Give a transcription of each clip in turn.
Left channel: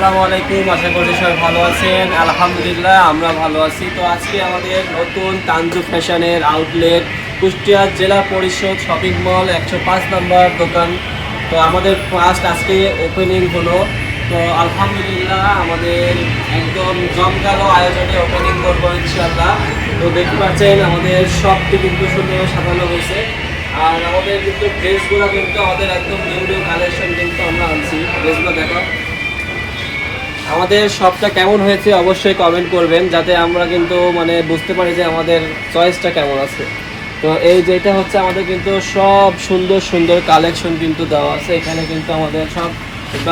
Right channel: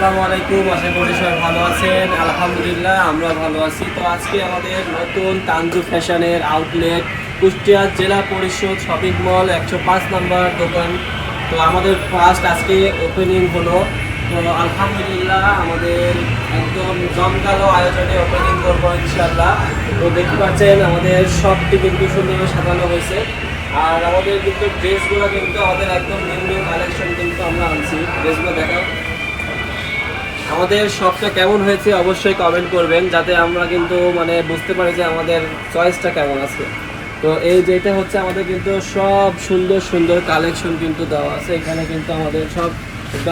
আসসালামু আলাইকুম, আশা করি সবাই ভালো আছেন। আলহামদুলিল্লাহ, আমরা ভালো আছি। তো আজকে আমাদের নতুন তানজু ফ্যাশনের আউটলেট কুষ্টিয়া জেলা পরিষদ শপিং মল একশো পাঁচ নাম্বার দোকান। তো আমাদের ফার্স্ট আজকে ওপেনিং হলো। তো আলহামদুলিল্লাহ, আমাদের একদম জমকালো আয়োজনে ওপেনিং করব ইনশাল্লাহ তো দেখতে পাচ্ছেন, আমাদের শপটি কিন্তু সুন্দর সাজানো হয়েছে। আর আমাদের কিন্তু ড্রেসগুলো কিন্তু আমাদের একদম নিউ নিউ কালেকশন কিন্তু আমরা আনছি। ড্রেসগুলো দেখাও। আমাদের শপটা কেমন হয়েছে অবশ্যই কমেন্ট করবেন, যাতে আমরা কিন্তু মানে বুঝতে পারি যে আমাদের চয়েসটা কেমন আছে। তো এই যেটা হচ্ছে আমাদের কিন্তু সব সুন্দর সুন্দর কালেকশন কিন্তু দেওয়া আছে। এখানে কিন্তু আমাদের সব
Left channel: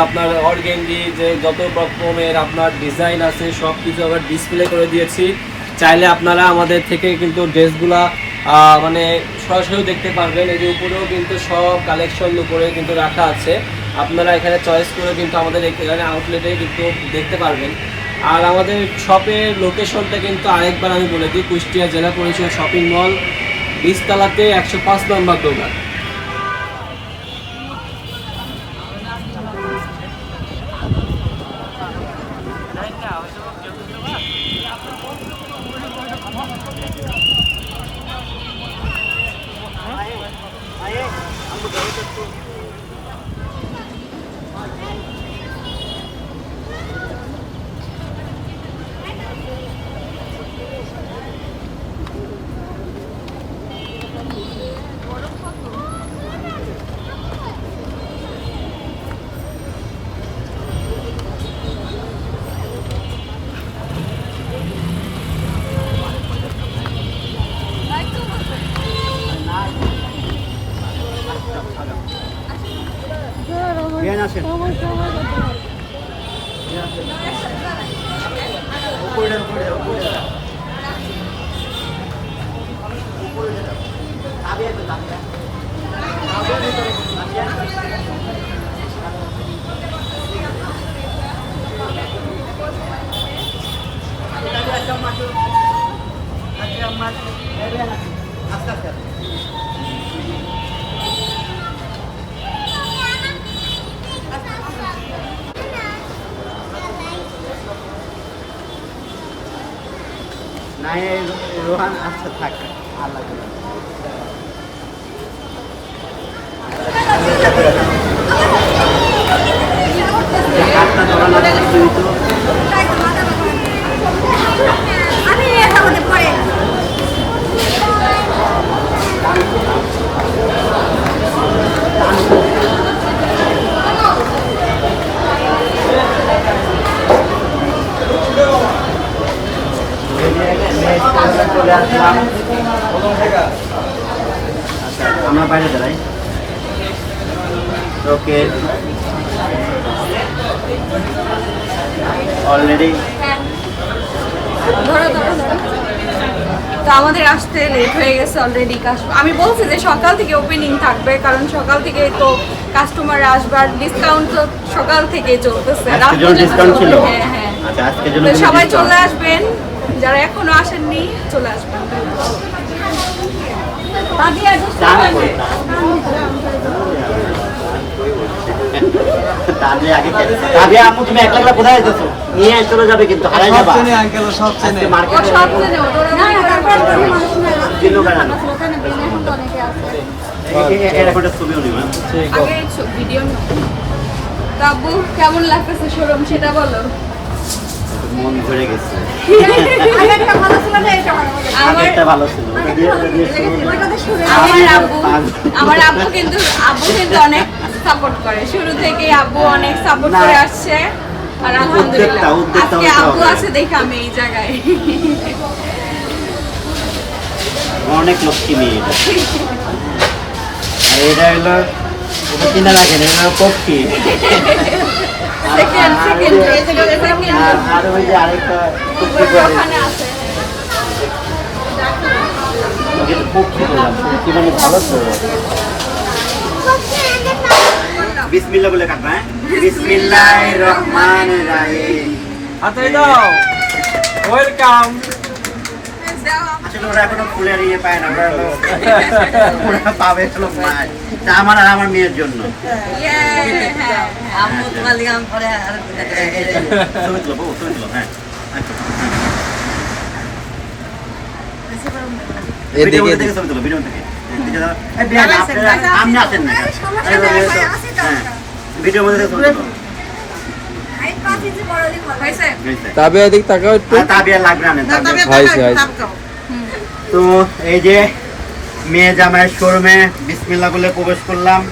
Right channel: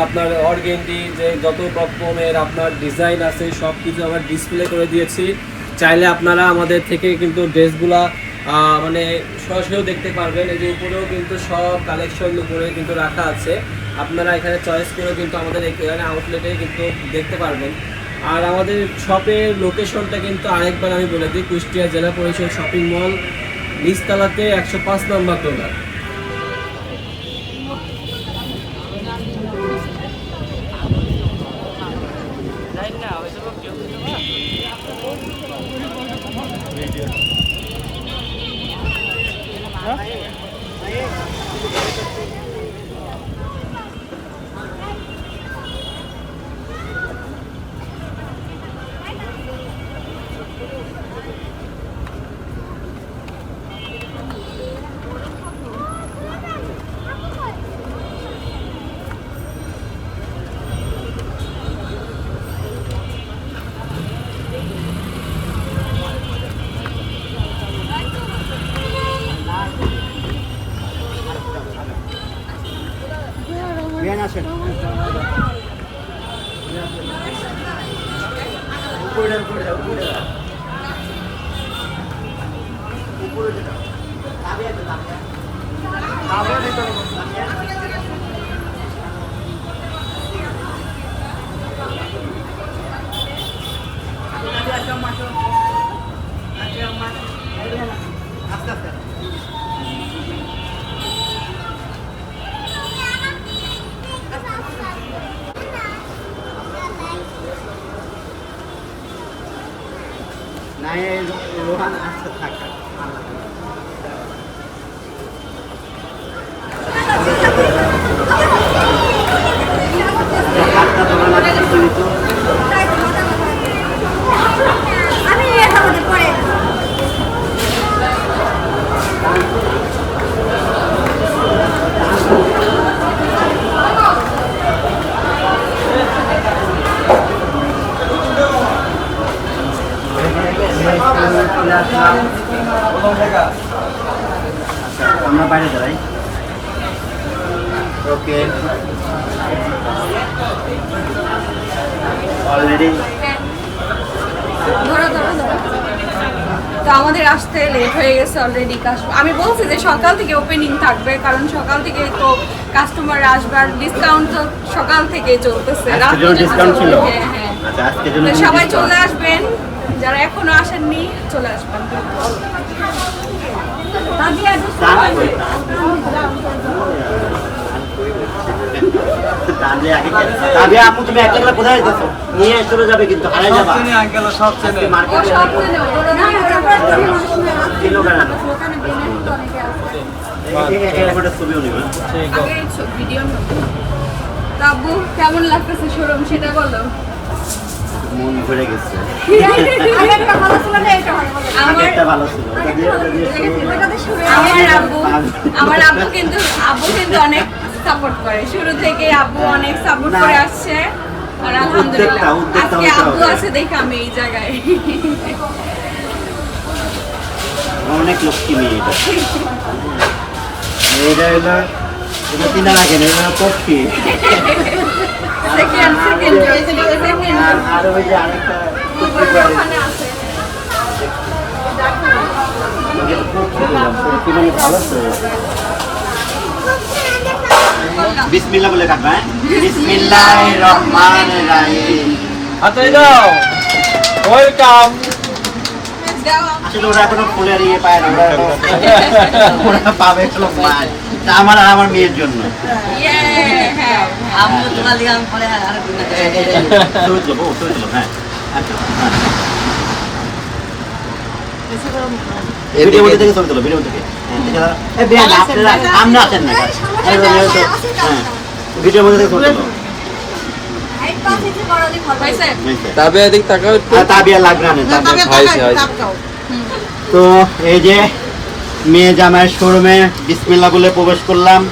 আপনার অর্গেন্ডি, যে যত রকমের আপনার ডিজাইন আছে সব কিছু আবার ডিসপ্লে করে দিয়েছি। চাইলে আপনারা আমাদের থেকে কিন্তু ড্রেসগুলা মানে সরাসরি দেখতে পারবেন। এই যে উপরেও কিন্তু সব কালেকশন উপরে কিন্তু রাখা আছে। আপনারা এখানে চয়েস করেও কিন্তু আমাদের এখানে আউটলেটে কিন্তু দেখতে পারবেন। আর আমাদের শপের লোকেশনটা কিন্তু আরেকবার আমি বলে দিই, কুষ্টিয়া জেলা পরিষদ শপিং মল বীজতলাতে একশো পাঁচ নম্বর দোকান। 보여드려. 나비에도 나비. নাই রোহান আচ্ছা থাক আল্লাহ হাতটা আছে সীমিত আমি আমাদের পরে চলে আসলাম আচ্ছা আমরা বাইরে দাঁড়াই। ওকে। অলরেডি ধরো ধরো ধরো। তো আমাদের আসতে লেট হয়ে গেছে অলরেডি আমি বলছি যে সকাল থেকে ওপেনিং থাকবে কারণ সকাল থেকে তো কাস্টমার আসবে আর ডিসকাউন্ট তো সকাল থেকে চলতেছে। হ্যাঁ হ্যাঁ। আচ্ছা সবাই চলে আসবেন। যারা এখনও আসেননি চলে আসবেন চান কই, তাহলে আগে কে- তাহলে আপু তুমি কোথায় নিয়ে চলে যাবে কিন্তু হারাই যাবা। কেমন লাগতেছে শোরুম সেটা বলো। মন ভরে গেছে। আমার আব্বু আব্বু কিন্তু আব্বু কিন্তু অনেক সাপোর্ট করে। শুরু থেকে আব্বু অনেক সাপোর্ট করে আসছে। আর আলহামদুলিল্লাহ। আজকে আব্বু আছে দেখে আমি এই জায়গায়। অনেক লক্ষ্মী মেয়ে এটা। এটা হলো এটা চিন্তা রাখেন এটা পক্ষী। সেকেন্ড সেকেন্ড আর আর ওই যে আরেকটা পক্ষী ওখানে আছে ওকে তো পক্ষী বললাম পক্ষী মানে ভালো তো বিসমিল্লাহ বলে কাটবা হ্যাঁ বিসমিল্লাহ রহমান রাহিম হাতে দাও ওয়েলকাম দাও আসলে ওরা এখনও ফুলের ইয়ে পায় না ওরা হলো- ওরা পাবে হলো মাছ এটা আমার আর আমার মেয়ের জন্য Yeah, হ্যাঁ। আমি তোমার লিগে আমি পরে আর কিনা ছবি তুলো বউ, ছবি তুলো, হ্যাঁ আচ্ছা, হ্যাঁ। ভিডিওর মধ্যে থেকে ছবি তুলো, ভিডিওর মধ্যে থেকে। হ্যাঁ, দেখে দাও। এই বেয়ান, আপনারা- আপনি আছেন না, হ্যাঁ, ভিডিওর মধ্যে। তাবিয়া দিক তাকাও লাগবে না, তো এই যে মেয়ে জামাইয়ের শোরুমে বিসমিল্লা বলে প্রবেশ করলাম।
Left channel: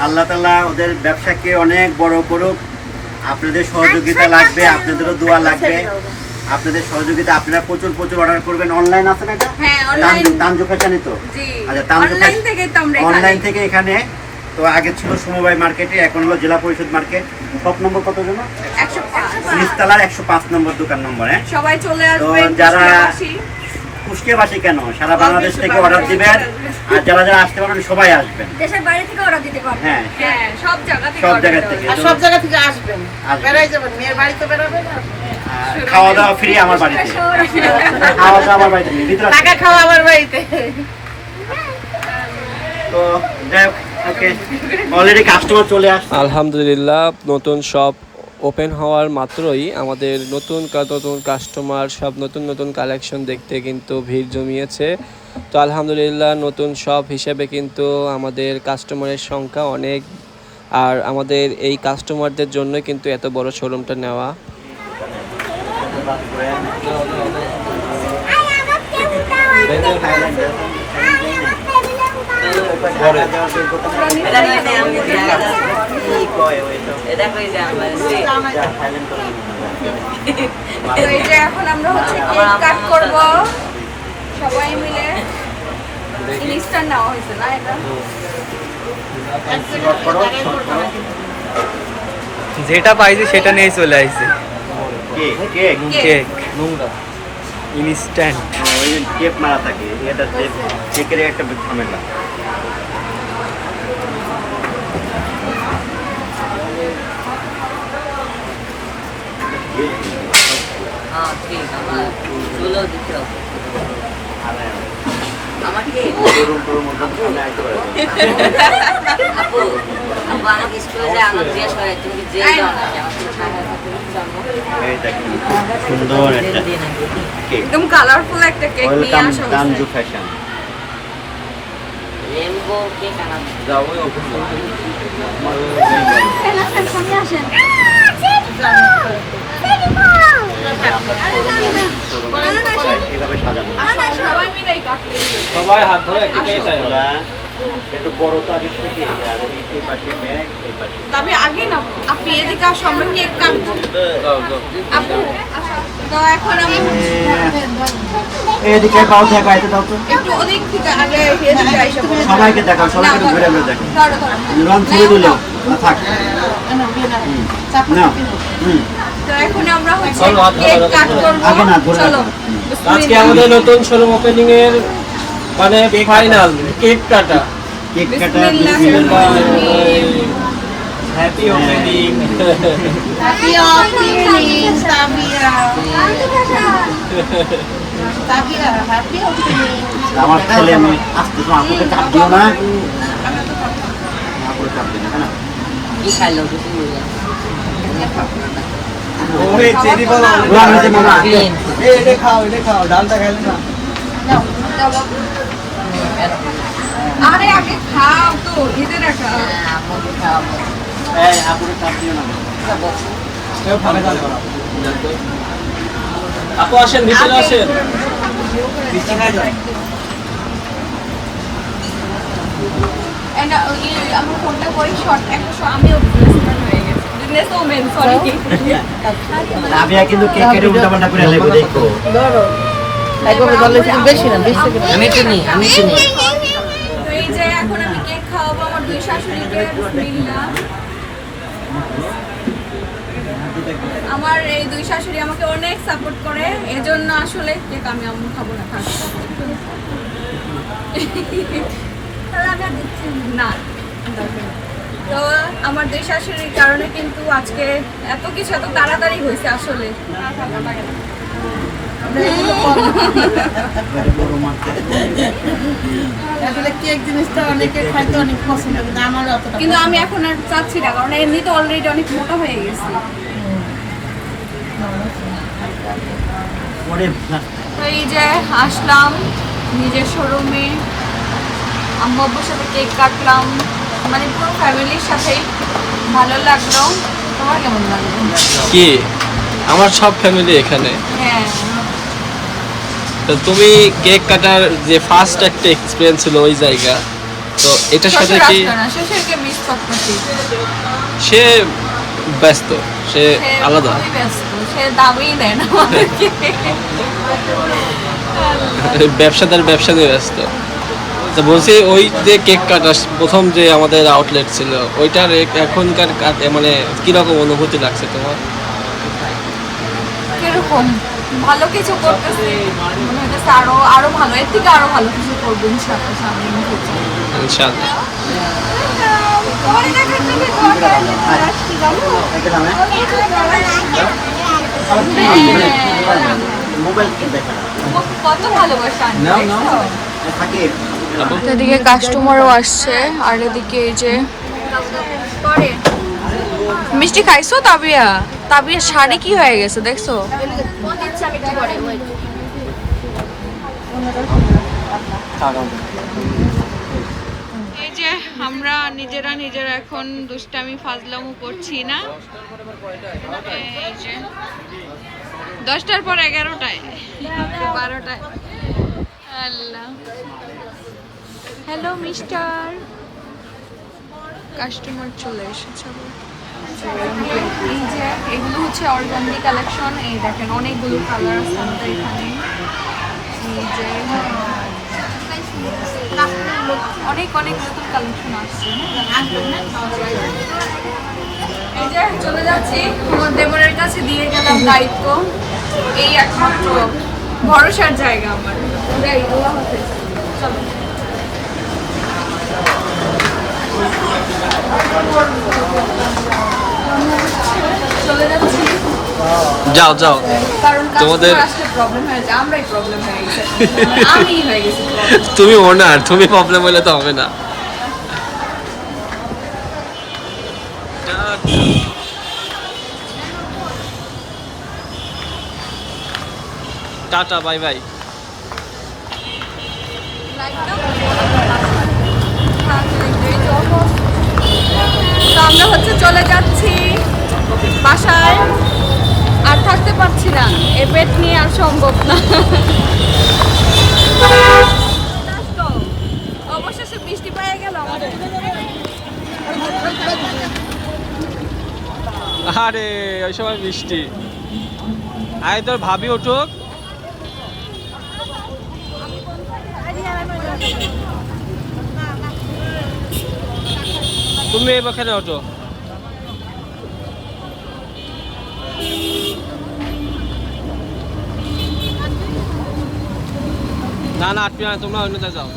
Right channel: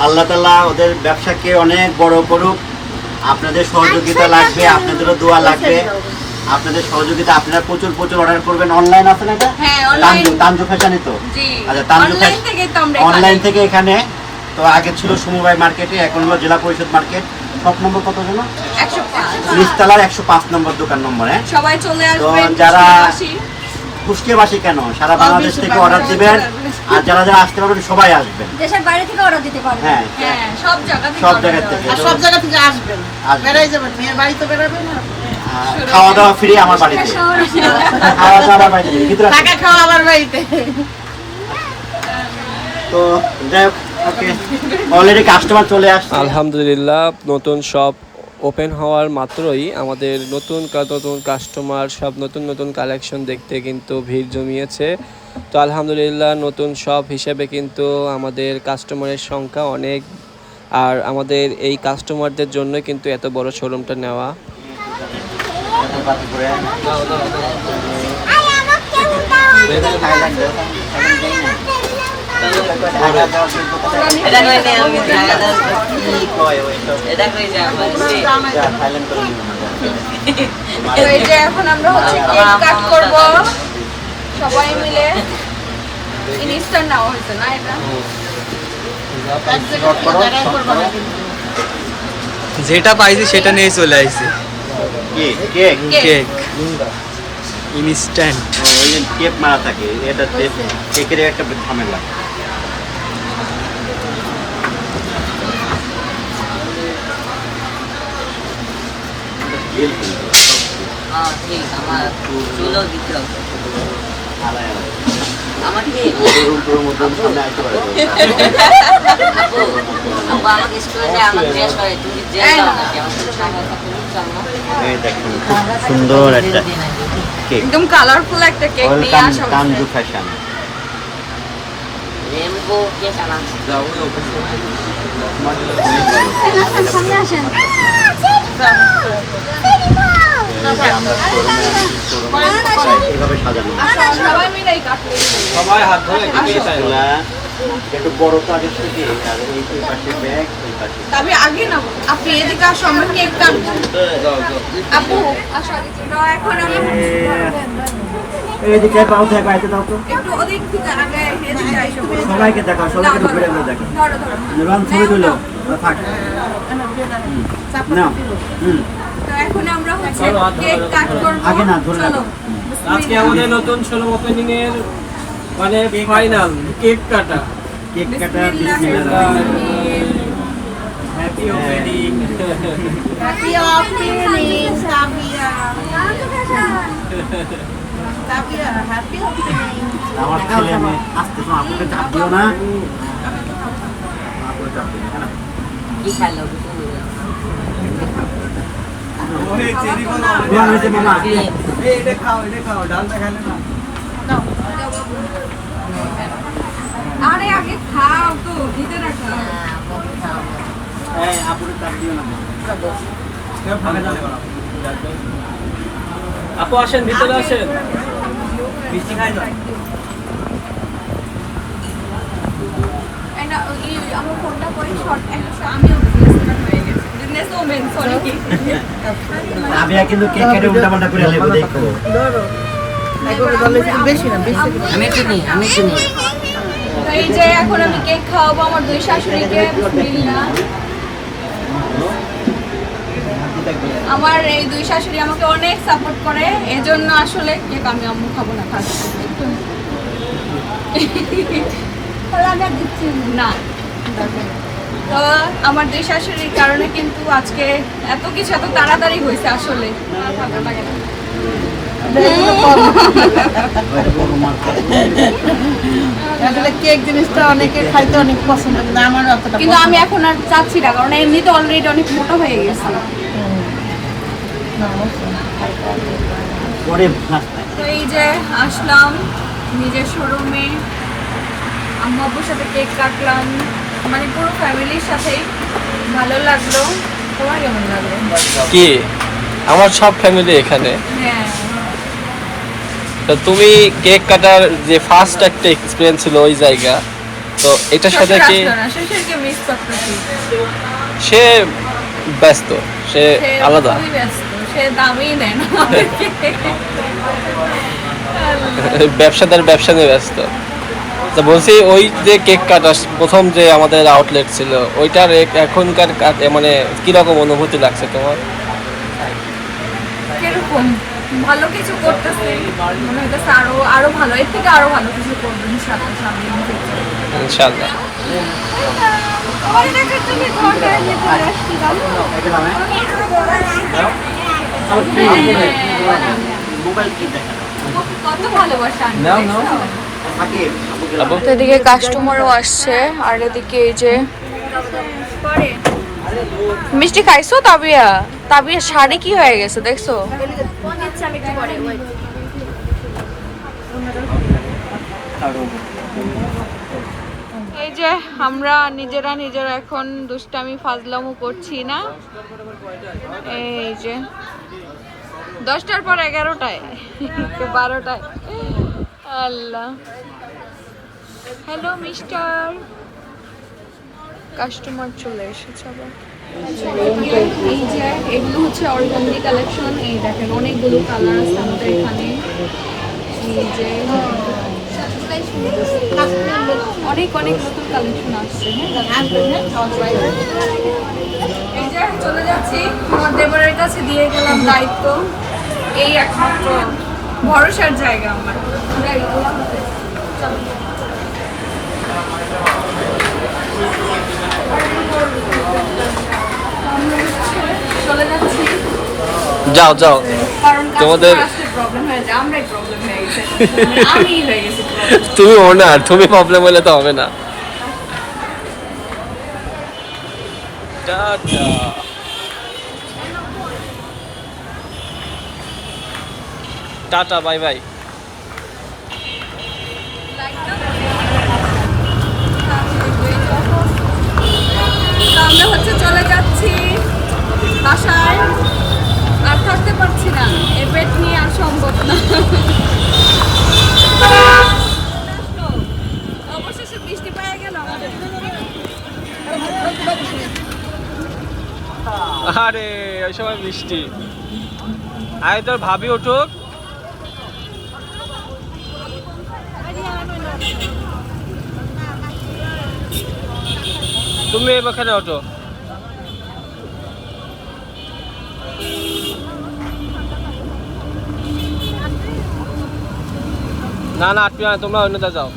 আল্লাহ তালা ওদের ব্যবসাকে অনেক বড় করুক। আপনাদের সহযোগিতা লাগবে আপনাদেরও দোয়া লাগবে। আপনাদের সহযোগিতা আপনারা প্রচুর প্রচুর অর্ডার করবেন। অনলাইন আছে না এটা? online। তানজু- তানজু ফ্যাশনই তো? আচ্ছা তানজু Online ফ্যাশন- তো এখানে। অনলাইন থেকে এখানে। তো আগে ছিল সমবায় মার্কেটে এখন হলো জেলা পরিষদ মার্কেট সব নম্বর কত জন্য একশো পাঁচ। একশো পাঁচ নম্বর দোকান নম্বর হ্যাঁ? সবাই চলে আসবেন যারা- কুষ্টিয়াবাসী। কেন? সারা বাংলাদেশ থেকে অর্ডার দিবেন আর যারা যারা আসতে পারবেন সবাই আসবেন। দেশের বাইরে থেকে অর্ডার দিতে পারবে হ্যাঁ। হ্যাঁ সব জায়গা থেকে সব জায়গা থেকে। আর সব জায়গা থেকে আসবেন। বেড়াই যাবেন মেয়ের বাড়িতে বেড়াবেন না আর খাওয়া দাওয়া ফ্রি আমার বাড়িতে। খাওয়া দাওয়া আমার বাড়িতে। ভিতরে টাকা খাওয়া আমার বাড়িতে। তো যাই হোক অলরেডি কাস্টমার চলে আসছে। আলহামদুলিল্লাহ নতুন শপ ওপেন হওয়ার মাত্রই আমাদের নতুন নতুন কাস্টমার সব নতুন নতুন কালেকশন দেখতে কিন্তু ভিড় জমিয়েছে। তো আলহামদুলিল্লাহ নতুন শপ হিসেবে কিন্তু আমাদের কাস্টমারের সংখ্যা অনেক। আর আমাদের এই কাস্টমারদের জন্য কিন্তু এত বড় শোরুমটা নেওয়া। এটা কইতে আমি দেখা যাচ্ছে এটা কইতে আমি তো এই যে এখন আমরা হচ্ছে কেক কাট করব। সবাই মিলে ইনস্ট্যান্ট নেওয়া হয়েছে না এটা? যেটা পাইছি সেটা নিয়ে চলে আসছি cake cake cake instant tape মারা থাকে এটা কেকের একটা ঝামেলা হ্যাঁ ঠিক আমার চুলো দিতে হবে আমাকে আপু আপু আমাকে স্কুলে আমার দেশ হয় তুমি যে যাও না কেন টাকা তুমি চলো এই দেখুন খুব সুন্দর একটা কেক একদম কালারফুল একটা কেক নিয়ে আসা ফ্যাশন রেনবো কেক আনা। সাজানো সবাই মিলে কাটলে সবাই হাত ধরে একটা বড় কাজের থেকে তবে আগে না আপনি এদিকে আসো আমরা কেক কাটবো। আপু এখন আমি এইদিকে পাও দেখা আইতে দাও তো। একটু ওদিক থেকে আগে এদিকে আইসো। সবাইকে দেখাও সবাইকে ঘুরে ঘুরে দেখাও। ধরো ধরো না থাক। না। হুম। আজকে আমাদের নতুন শোরুম ওপেনিং এর মানে ফাইনাল কেক কাটা কেক কাটা। হ্যাপি ওপেনিং আমার ছেলে মেয়ে আসতে তো আপুকে চাপ দিও না। আপুকে চাপ দিও না কেন? কি খাইলো? কিছু আরে আগে খাও তো খেতে রাখা। খাওয়াবো এই আপুকে চাপ না কেউ ফাঁকা জানে আপু আসেন ভিতরে আসেন আমার ফোনটা কই? শর্ট একটা হয়ে businesswoman, sorry. রাবিয়া কিন্তু কেক কেটে উল্টা পাল্টা করে লেগো দেখো আমি চিনি আমি চিনি এই যে এখন আমি কেক খাওয়াবো আমার দুই শাশুড়িকে বিসমিল্লাহ আমার এই দুই শাশুড়ি আমাকে অনেক সাপোর্ট করে এজন্য আসলে কেক আমি আম্মু খাব না থাক একটু তাহলে আমি আর দিচ্ছি না। দরকার। তো আমার দুই শাশুড়ির কারণে কিন্তু আজকে এত কিছু এত তাড়াতাড়ি হয়েছে আসলে। ভালো লাগে না আসলে কেক জিনিসটা অনেকে খাইতে অনেক পছন্দ কিন্তু আমার অতটা কিন্তু আমি এখন আর চাচ্ছি না কারণ এমনিতে অলরেডি অনেক মোটা হয়ে গেছে। তো এই যে আসলাম নিজের শোরুমে আম্মু আব্বুর সাথে কেক কাটলাম। মানে পুরো ফ্যামিলির সাথে ভালো লাগল। তোমার কেমন লাগল? কি? আমার সব ফ্যামিলি এখানে? হ্যাঁ। তো তুমি কেক কাটার যে ফার্স্ট একটা এক্সপিরিয়েন্স ছিল ওই জায়গা তো এটার সাথে কি সে ব্যস্ত সে আলাদা। ব্যবসাদার ব্যবসা নিয়ে ব্যস্ত। তো বলছি ওই যে কেক কাটা প্রথম যে আমাদের আউটলেট ছিল ওইটার এখনকার মানে কীরকম অনুভূতি লাগছে তোমার? কীরকম? ভালো কিছু করতেছে। মনে হইতেছে আরও আরও ভালো। এর থেকে আরও ভালো কিছু করব ইনশাআল্লাহ সামনে? মোবাইল কত ভালোবাসা। থাকে এদিকে কাস্টমারও আসছে আর এদিকে এই যে মিষ্টি খাইছো তাবিয়া? তাবিয়া শাড়ি কি হয়ে গেছে দেখছ? এই যে আমরা নিজেরা নিজেরা এখন দুষ্টামি ফাজলামো করছি না। এই যে দশটার পর এগারোটায় বারোটায়। আল্লাহ। হ্যালো মিস্টার কাস্টমার চলে এসেছে আবার। এই যে, এগুলো হচ্ছে অর্গানজি কালেকশন এই দেখেন, অনেকগুলো কালার আছে আমাদের এখানে। এই যে, অনেক অনেক নতুন কালেকশন আসছে এই যে, চলে যাচ্ছি। আমার দেবরের কাছে দিয়ে গেলাম দায়িত্ব। এই একমাত্র ভরসার জায়গা আমার। আল্লাহ হাফেজ। চলে যাচ্ছি যাও যাও কারণ তোমাদের- কাস্টমার আসলে প্রবলেম হয়ে যায় আমরাই প্রবলেম হয়ে গেছে মানে আমি হয়ে যাও। তোমাদের তুমি ওনার তুমি প্রবলেম হলে তো হবে না। টাটা। Bye bye. আমরা হচ্ছে চলে যাচ্ছি বাসায়। থাকতে পারছি না। এ পেট নিয়ে আর সম্ভব না। আরে, ওই সময় বৃষ্টি। আয় তোর ভাবি উঠুক। তুমি এখানে ওঠো। না না আটকে না তোমরা অন্য যাও।